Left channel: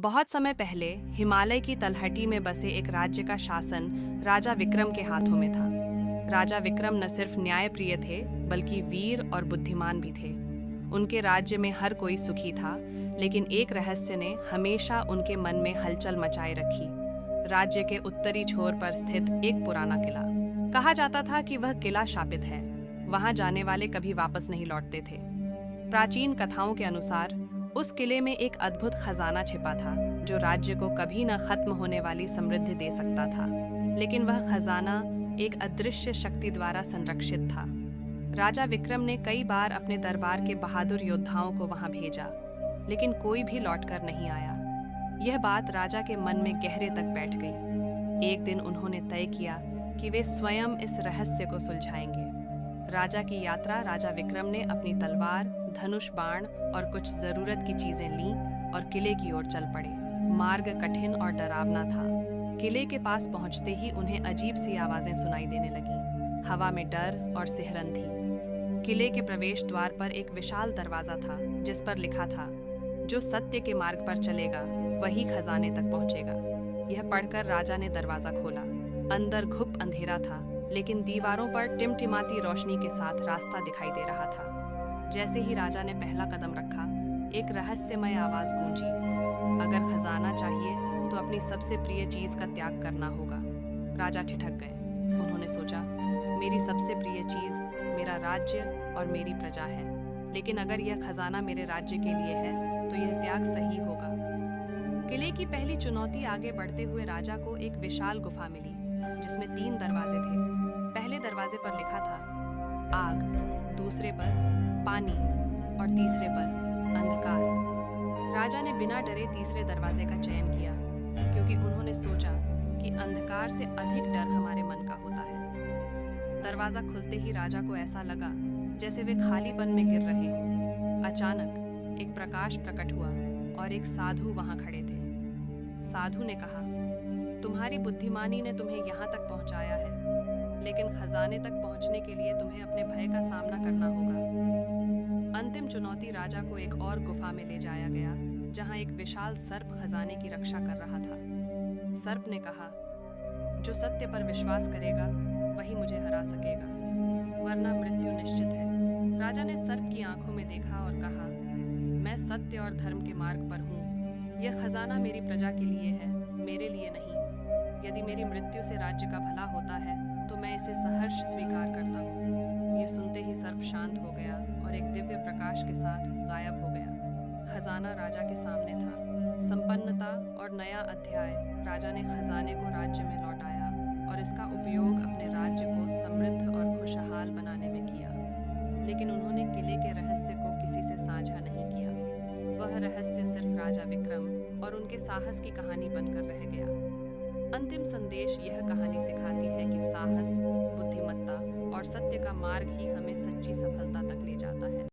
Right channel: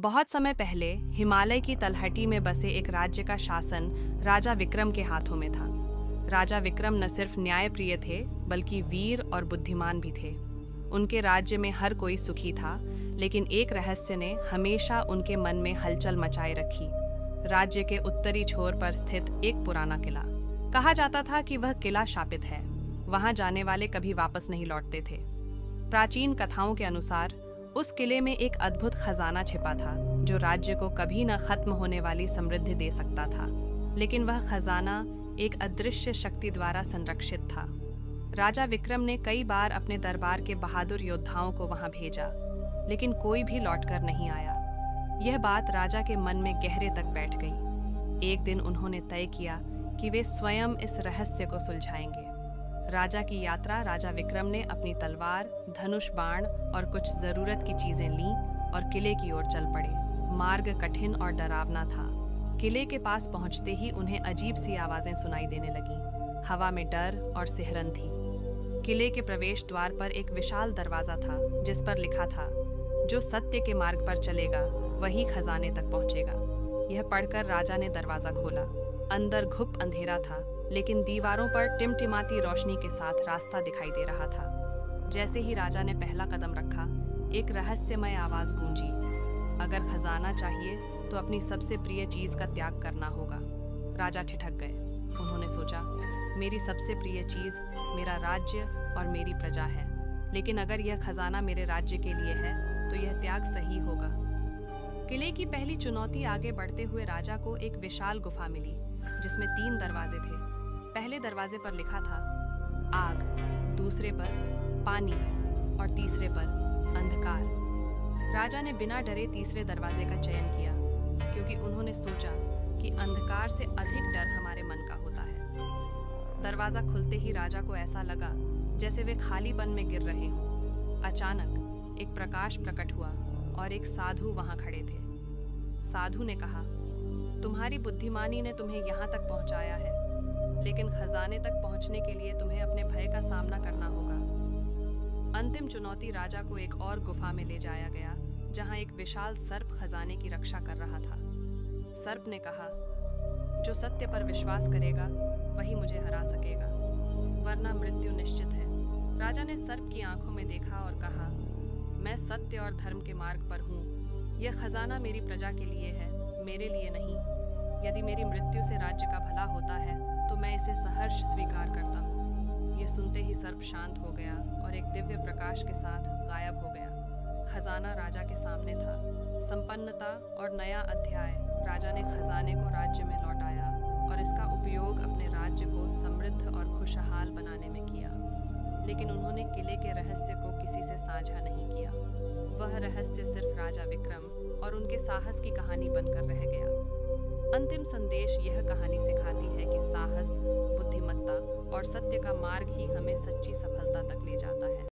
बहुत समय पहले हिमालय की तलहटी में बसे एक राज्य का शासन राजा विक्रम के हाथों में था। राजा विक्रम न सिर्फ न्यायप्रिय थे, बल्कि वीर और बुद्धिमान भी थे। उनके राज्य में हर कोई सुखी था, लेकिन एक रहस्य ने हमेशा उनके मन में हलचल मचाए रखी। राज्य के उत्तरी छोर पर स्थित एक पुराना किला। कहा जाता था कि वह किला शापित है, वहां जाने वाले कभी वापस नहीं लौटते थे। प्राचीन कथाओं के अनुसार उस किले में एक अद्भुत खजाना छिपा था, जो राज्य को कभी न खत्म होने वाली समृद्धि दे सकता था। लेकिन वह खजाना एक अदृश्य शक्ति द्वारा संरक्षित था। राजा विक्रम ने कई बार अपने दरबार के बहादुर योद्धाओं को वहां भेजा, लेकिन कोई भी लौटकर नहीं आया। यह बात राजा के मन में गहरे तक बैठ गई। एक दिन उन्होंने तय किया कि वे स्वयं इस रहस्य को सुलझाएंगे। राजा की यात्रा राजा विक्रम ने अपनी तलवार, धनुष बाण और कुछ जरूरत की चीजें लीं और किले की ओर चल पड़े। मार्ग कठिन और डरावना था। किले के पास पहुंचते ही उन्हें अजीब सी आवाजें सुनाई देने लगीं। हवा में डर और सिहरन थी। किले के प्रवेश द्वार पर एक विशाल दरवाजा था, जिस पर लिखा था, जो सत्य के मार्ग पर चलेगा वही खजाने तक पहुंचेगा। यह पढ़कर राजा ने दरवाजा खोला। अंदर घुप अंधेरा था, लेकिन दीवारों पर टिमटिमाती रोशनी के साथ रास्ता दिखाई दे रहा था। जैसे ही राजा ने पहला कदम रखा, एक रहस्यमय आवाज गूंजी, अगर खजाना चाहिए तो अपनी सबसे प्रिय चीज का त्याग करना होगा। राजा ठिठक गए। उन्होंने सोचा, मेरी सबसे प्रिय चीज मेरा राज्य और मेरी प्रजा है, लेकिन अगर यह खजाना मेरे राज्य के लिए है तो यह त्याग सही होगा। किले की पहली चुनौती आगे बढ़ते हुए राजा को एक विशाल गुफा मिली, जिसमें 3 दरवाजे थे। पहले दरवाजे पर लिखा था आग, दूसरे पर पानी और तीसरे पर अंधकार। राजा ने बिना डरे तीसरे दरवाजे का चयन किया, क्योंकि उन्होंने सोचा कि अंधकार से अधिक डर हमारे मन का होता है। दरवाजा खुलते ही राजा को ऐसा लगा जैसे वे खालीपन में गिर रहे हों। अचानक एक प्रकाश प्रकट हुआ और एक साधु वहां खड़े थे। साधु ने कहा, तुम्हारी बुद्धिमानी ने तुम्हें यहाँ तक पहुँचाया है, लेकिन खजाने तक पहुँचने के लिए तुम्हें अपने भय का सामना करना होगा। अंतिम चुनौती राजा को एक और गुफा में ले जाया गया, जहाँ एक विशाल सर्प खजाने की रक्षा कर रहा था। सर्प ने कहा, जो सत्य पर विश्वास करेगा वही मुझे हरा सकेगा, वरना मृत्यु निश्चित है। राजा ने सर्प की आंखों में देखा और कहा, मैं सत्य और धर्म के मार्ग पर हूँ। यह खजाना मेरी प्रजा के लिए है, मेरे लिए नहीं। यदि मेरी मृत्यु से राज्य का भला होता है तो मैं इसे सहर्ष स्वीकार करता हूँ। यह सुनते ही सर्प शांत हो गया और एक दिव्य प्रकाश के साथ गायब हो गया। खजाना राजा के सामने था। संपन्नता और नया अध्याय। राजा ने खजाने को राज्य में लौटाया और इसका उपयोग अपने राज्य को समृद्ध और खुशहाल बनाने में किया। लेकिन उन्होंने किले के रहस्य को किसी से साझा नहीं किया। वह रहस्य सिर्फ राजा विक्रम और उनके साहस की कहानी बनकर रह गया। अंतिम संदेश यह कहानी सिखाती है कि साहस, बुद्धिमत्ता और सत्य का मार्ग ही हमें सच्ची सफलता तक ले जाता है।